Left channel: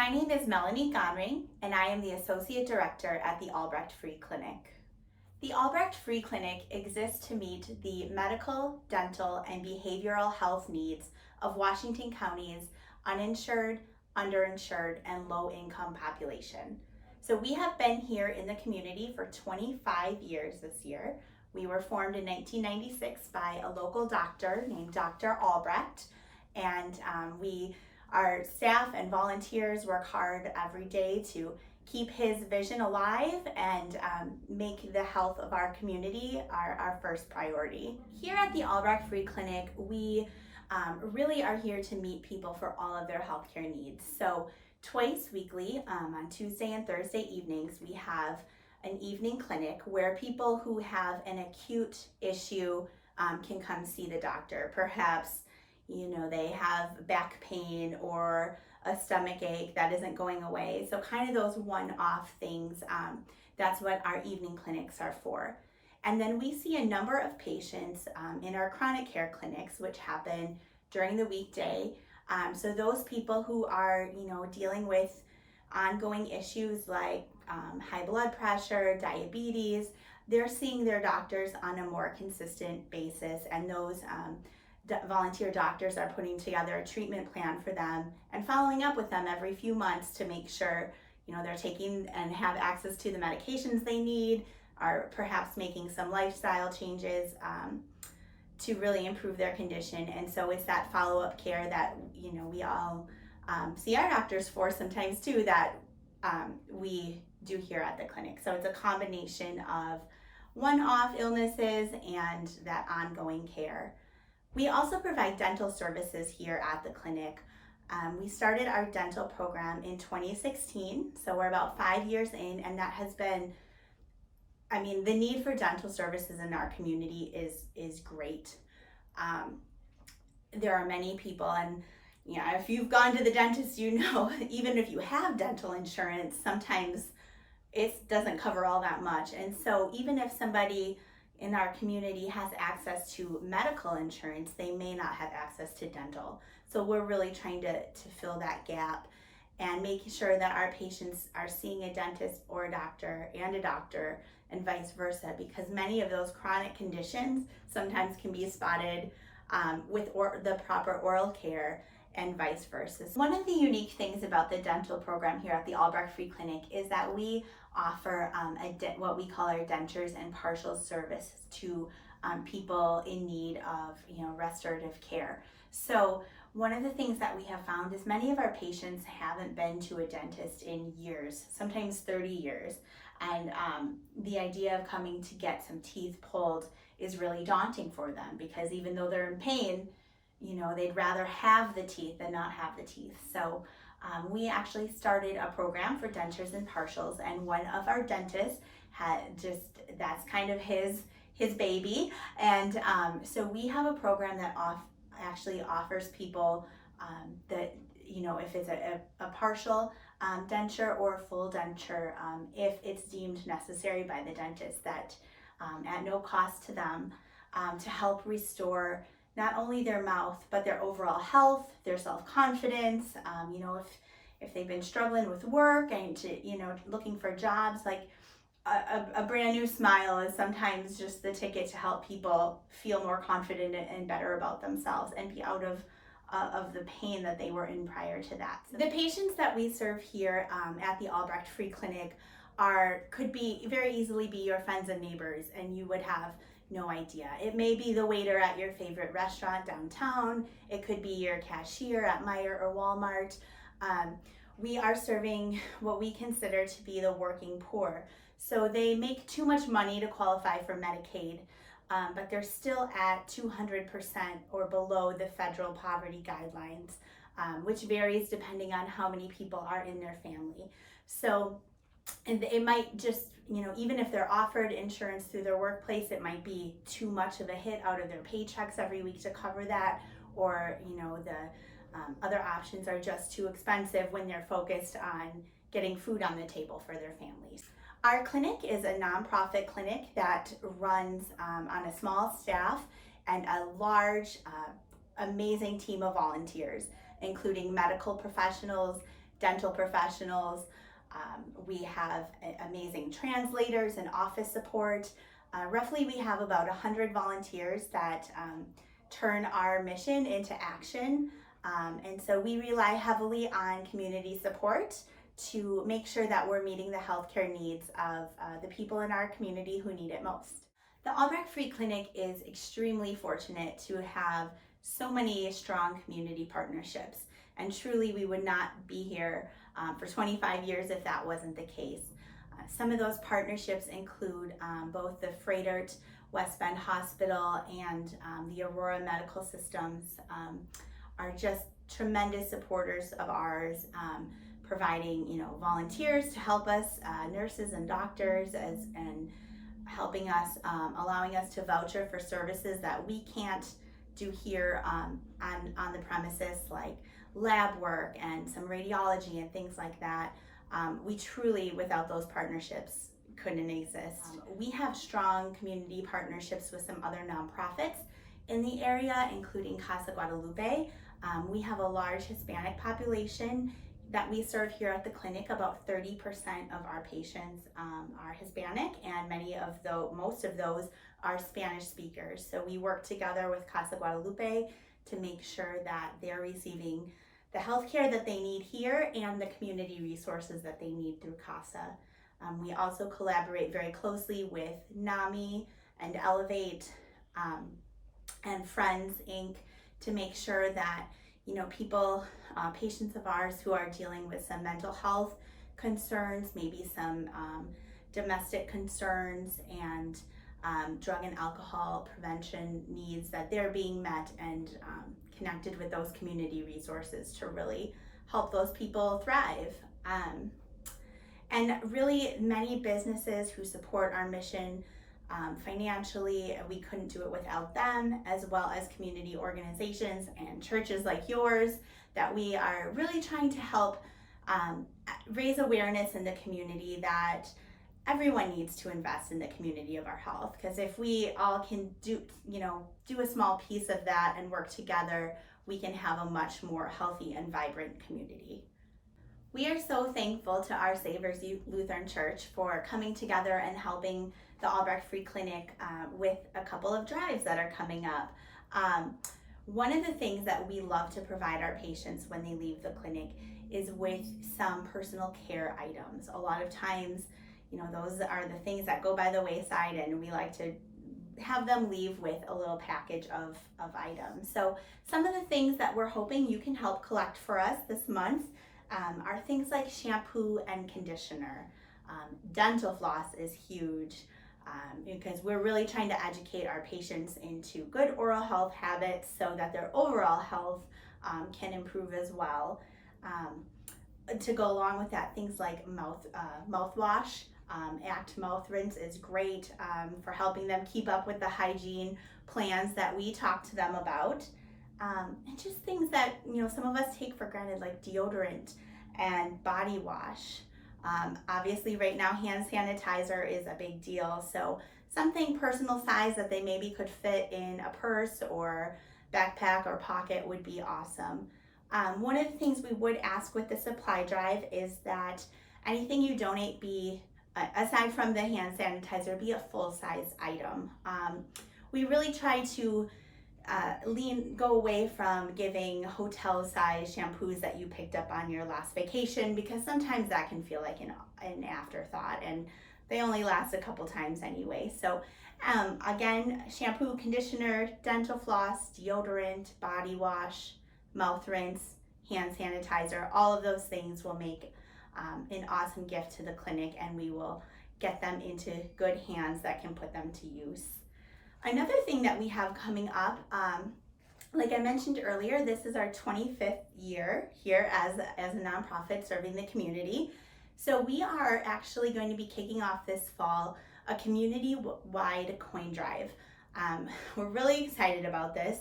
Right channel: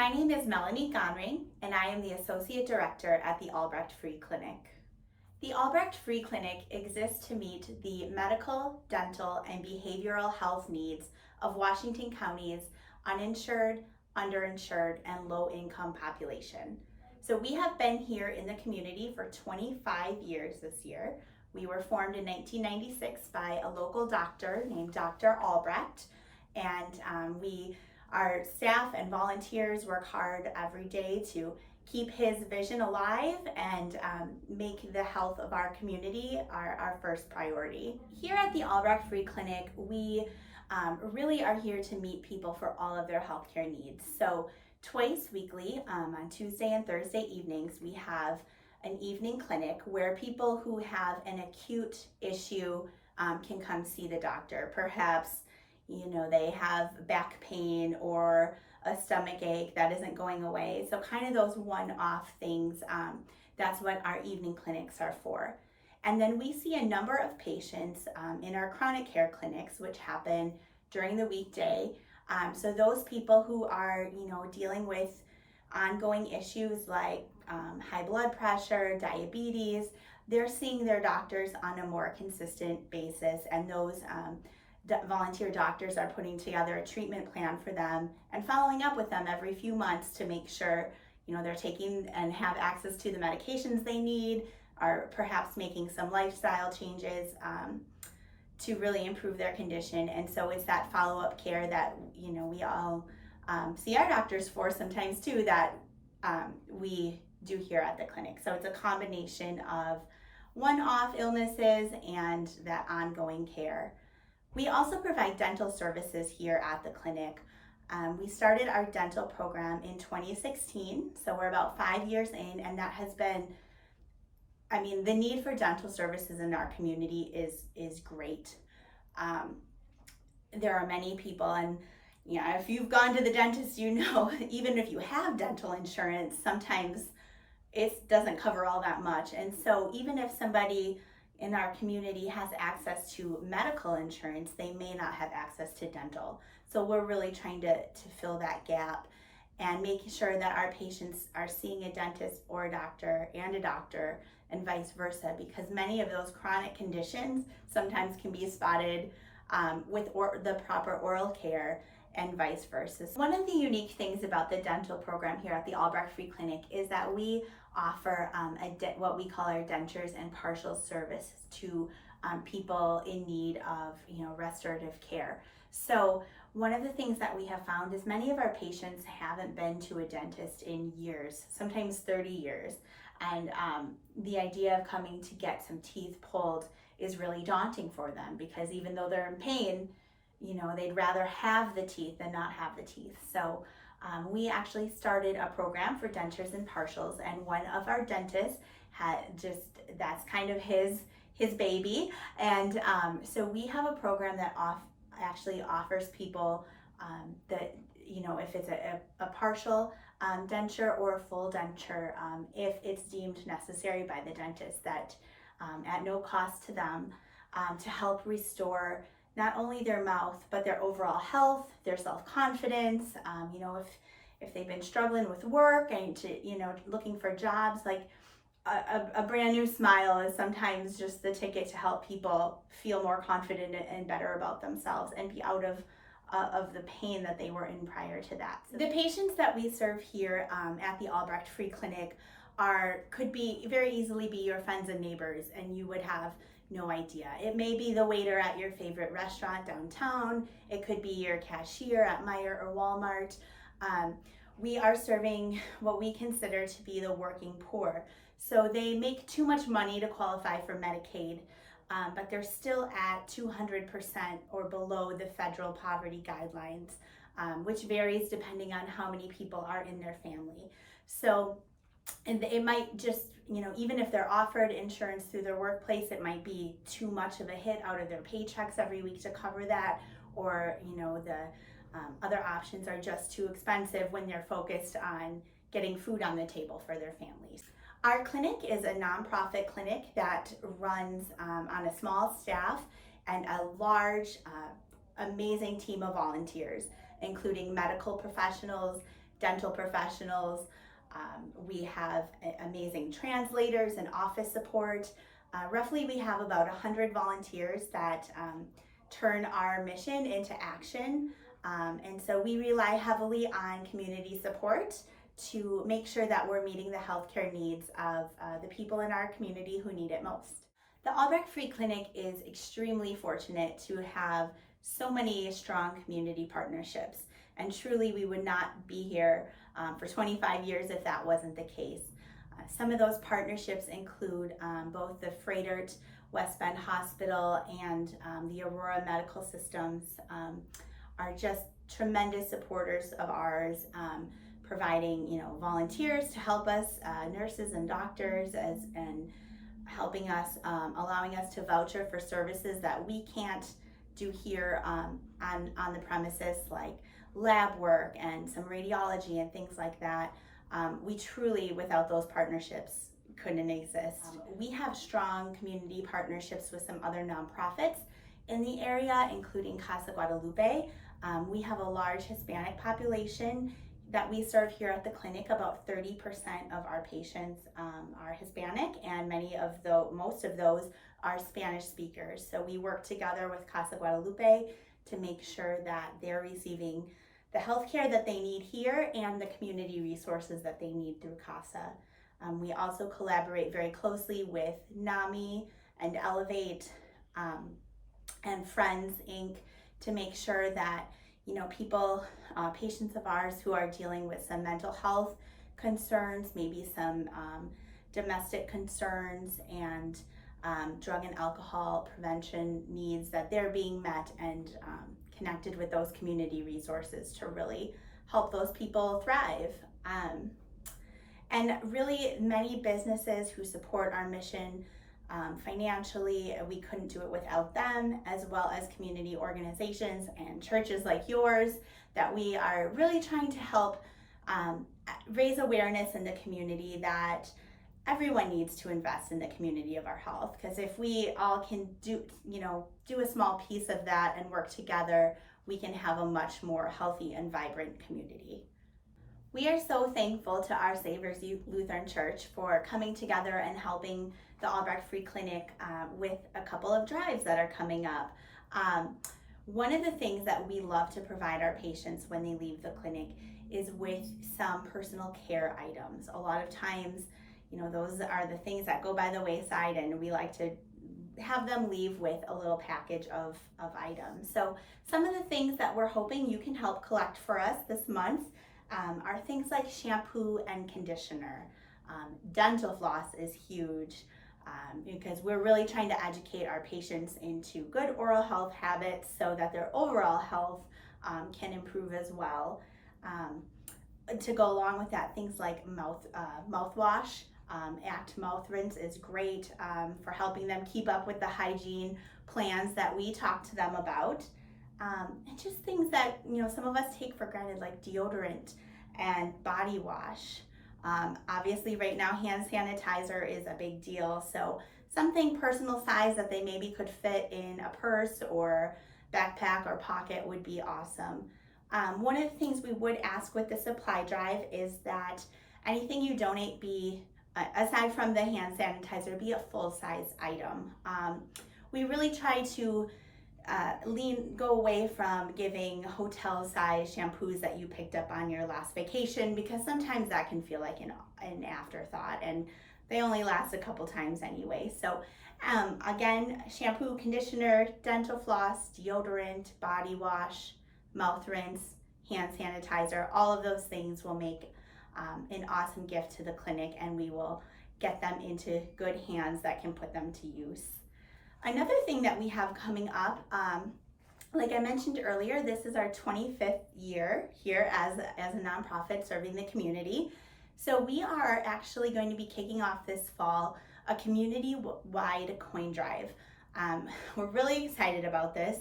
My name is Melanie Gonring, and I am the Associate Director at the Albrecht Free Clinic. The Albrecht Free Clinic exists to meet the medical, dental, and behavioral health needs of Washington County's uninsured, underinsured, and low-income population. So we have been here in the community for 25 years this year. We were formed in 1996 by a local doctor named Dr. Albrecht, and our staff and volunteers work hard every day to keep his vision alive and make the health of our community our first priority. Here at the Albrecht Free Clinic, we really are here to meet people for all of their healthcare needs. So twice weekly, on Tuesday and Thursday evenings, we have an evening clinic where people who have an acute issue can come see the doctor. Perhaps they have back pain or a stomach ache that isn't going away. So kind of those one-off things, that's what our evening clinics are for. And then we see a number of patients in our chronic care clinics, which happen during the weekday. So those people who are, dealing with ongoing issues like high blood pressure, diabetes, they're seeing their doctors on a more consistent basis, and those volunteer doctors are putting together a treatment plan for them and following up with them every few months to make sure they're taking and have access to the medications they need, or perhaps making some lifestyle changes to really improve their condition. And so it's that follow-up care that we all see our doctors for sometimes too, that we do here at the clinic. So it's a combination of one-off illnesses and that ongoing care. We also provide dental services here at the clinic. We started our dental program in 2016, so we're about 5 years in, and that has been, the need for dental services in our community is great. There are many people, and if you've gone to the dentist, even if you have dental insurance, sometimes it doesn't cover all that much. And so even if somebody in our community has access to medical insurance, they may not have access to dental. So we're really trying to fill that gap and making sure that our patients are seeing a dentist or a doctor and vice versa, because many of those chronic conditions sometimes can be spotted with the proper oral care and vice versa. One of the unique things about the dental program here at the Albrecht Free Clinic is that we offer what we call our dentures and partial service to people in need of restorative care. So one of the things that we have found is many of our patients haven't been to a dentist in years, sometimes 30 years. And the idea of coming to get some teeth pulled is really daunting for them, because even though they're in pain, they'd rather have the teeth than not have the teeth. So we actually started a program for dentures and partials, and one of our dentists that's kind of his baby. And so we have a program that actually offers people that, if it's a partial denture or a full denture, if it's deemed necessary by the dentist, that at no cost to them, to help restore not only their mouth, but their overall health, their self-confidence. If they've been struggling with work and looking for jobs, like a brand new smile is sometimes just the ticket to help people feel more confident and better about themselves and be out of the pain that they were in prior to that. So the patients that we serve here at the Albrecht Free Clinic could very easily be your friends and neighbors, and you would have no idea. It may be the waiter at your favorite restaurant downtown. It could be your cashier at Meijer or Walmart. We are serving what we consider to be the working poor. So they make too much money to qualify for Medicaid, but they're still at 200% or below the federal poverty guidelines, which varies depending on how many people are in their family. So and it might just, even if they're offered insurance through their workplace, it might be too much of a hit out of their paychecks every week to cover that, or the other options are just too expensive when they're focused on getting food on the table for their families. Our clinic is a nonprofit clinic that runs on a small staff and a large, amazing team of volunteers, including medical professionals, dental professionals. We have amazing translators and office support. Roughly, we have about 100 volunteers that turn our mission into action. And so we rely heavily on community support to make sure that we're meeting the healthcare needs of the people in our community who need it most. The Albrecht Free Clinic is extremely fortunate to have so many strong community partnerships. And truly, we would not be here for 25 years if that wasn't the case. Some of those partnerships include both the Fredert West Bend Hospital and the Aurora Medical Systems are just tremendous supporters of ours, providing volunteers to help us, nurses and doctors, and helping us, allowing us to voucher for services that we can't do here on the premises, like lab work and some radiology and things like that. We truly, without those partnerships, couldn't exist. We have strong community partnerships with some other nonprofits in the area, including Casa Guadalupe. We have a large Hispanic population that we serve here at the clinic. About 30% of our patients are Hispanic, and most of those are Spanish speakers. So we work together with Casa Guadalupe to make sure that they're receiving the healthcare that they need here and the community resources that they need through Casa. We also collaborate very closely with NAMI and Elevate and Friends Inc. to make sure that people, patients of ours who are dealing with some mental health concerns, maybe some domestic concerns and drug and alcohol prevention needs, that they're being met and connected with those community resources to really help those people thrive. And really, many businesses who support our mission financially, we couldn't do it without them, as well as community organizations and churches like yours that we are really trying to help raise awareness in the community that everyone needs to invest in the community of our health. Because if we all can do a small piece of that and work together, we can have a much more healthy and vibrant community. We are so thankful to Our Savers Lutheran Church for coming together and helping the Albrecht Free Clinic with a couple of drives that are coming up. One of the things that we love to provide our patients when they leave the clinic is with some personal care items. A lot of times, those are the things that go by the wayside, and we like to have them leave with a little package of items. So some of the things that we're hoping you can help collect for us this month are things like shampoo and conditioner. Dental floss is huge because we're really trying to educate our patients into good oral health habits so that their overall health can improve as well. To go along with that, things like mouthwash. Act Mouth Rinse is great for helping them keep up with the hygiene plans that we talk to them about. And just things that some of us take for granted, like deodorant and body wash. Obviously right now hand sanitizer is a big deal, so something personal size that they maybe could fit in a purse or backpack or pocket would be awesome. One of the things we would ask with the supply drive is that anything you donate be, aside from the hand sanitizer, be a full-size item. We really try to go away from giving hotel-size shampoos that you picked up on your last vacation, because sometimes that can feel like an afterthought, and they only last a couple times anyway. So again, shampoo, conditioner, dental floss, deodorant, body wash, mouth rinse, hand sanitizer, all of those things will make an awesome gift to the clinic, and we will get them into good hands that can put them to use. Another thing that we have coming up, like I mentioned earlier, this is our 25th year here as a nonprofit serving the community. So we are actually going to be kicking off this fall a community-wide coin drive. We're really excited about this.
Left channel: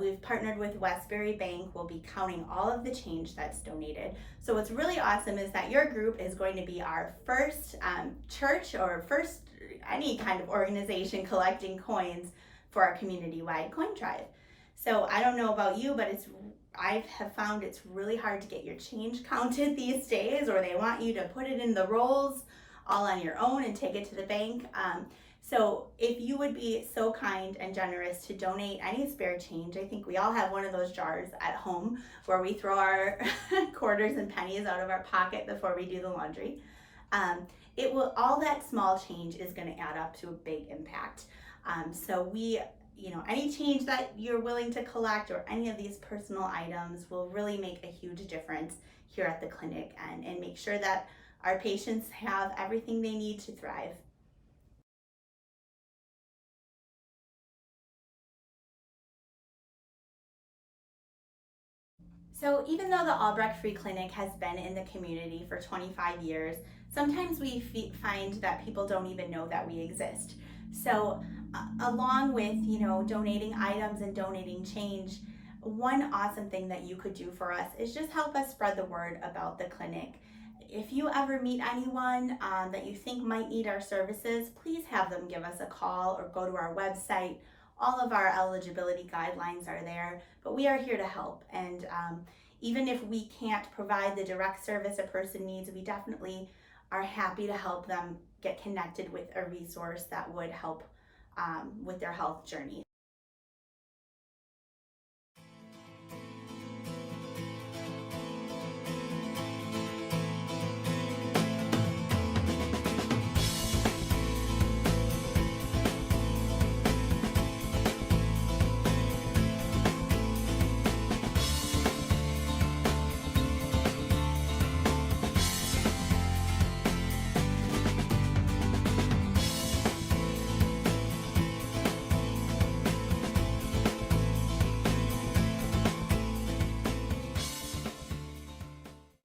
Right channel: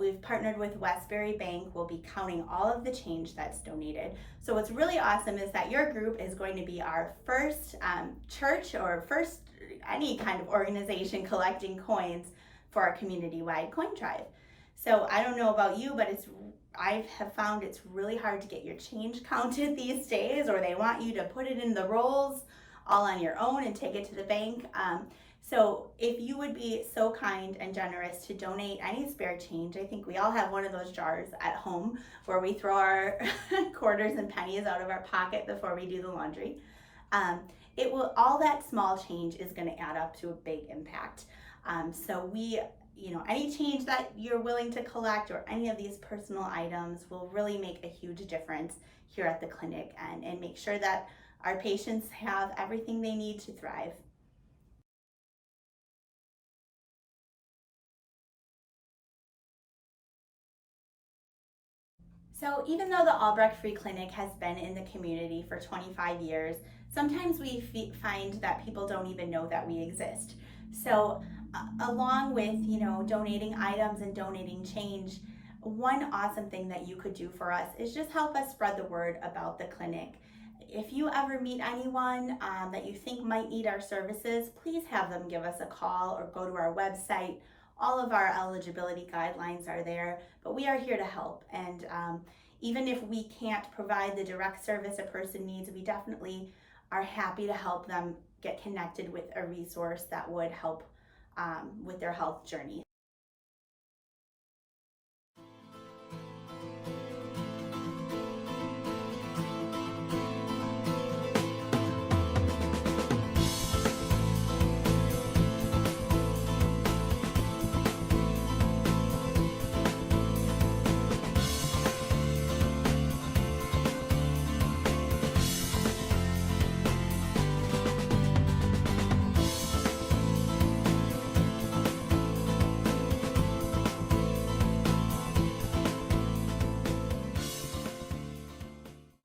We've partnered with Westbury Bank. We'll be counting all of the change that's donated. So what's really awesome is that your group is going to be our first church or first any kind of organization collecting coins for our community-wide coin drive. So I don't know about you, but I have found it's really hard to get your change counted these days, or they want you to put it in the rolls all on your own and take it to the bank. So if you would be so kind and generous to donate any spare change, I think we all have one of those jars at home where we throw our quarters and pennies out of our pocket before we do the laundry. It will, all that small change is going to add up to a big impact. So we, any change that you're willing to collect or any of these personal items will really make a huge difference here at the clinic, and make sure that our patients have everything they need to thrive. So even though the Albrecht Free Clinic has been in the community for 25 years, sometimes we find that people don't even know that we exist. So along with, donating items and donating change, one awesome thing that you could do for us is just help us spread the word about the clinic. If you ever meet anyone that you think might need our services, please have them give us a call or go to our website. All of our eligibility guidelines are there, but we are here to help. And even if we can't provide the direct service a person needs, we definitely are happy to help them get connected with a resource that would help with their health journey.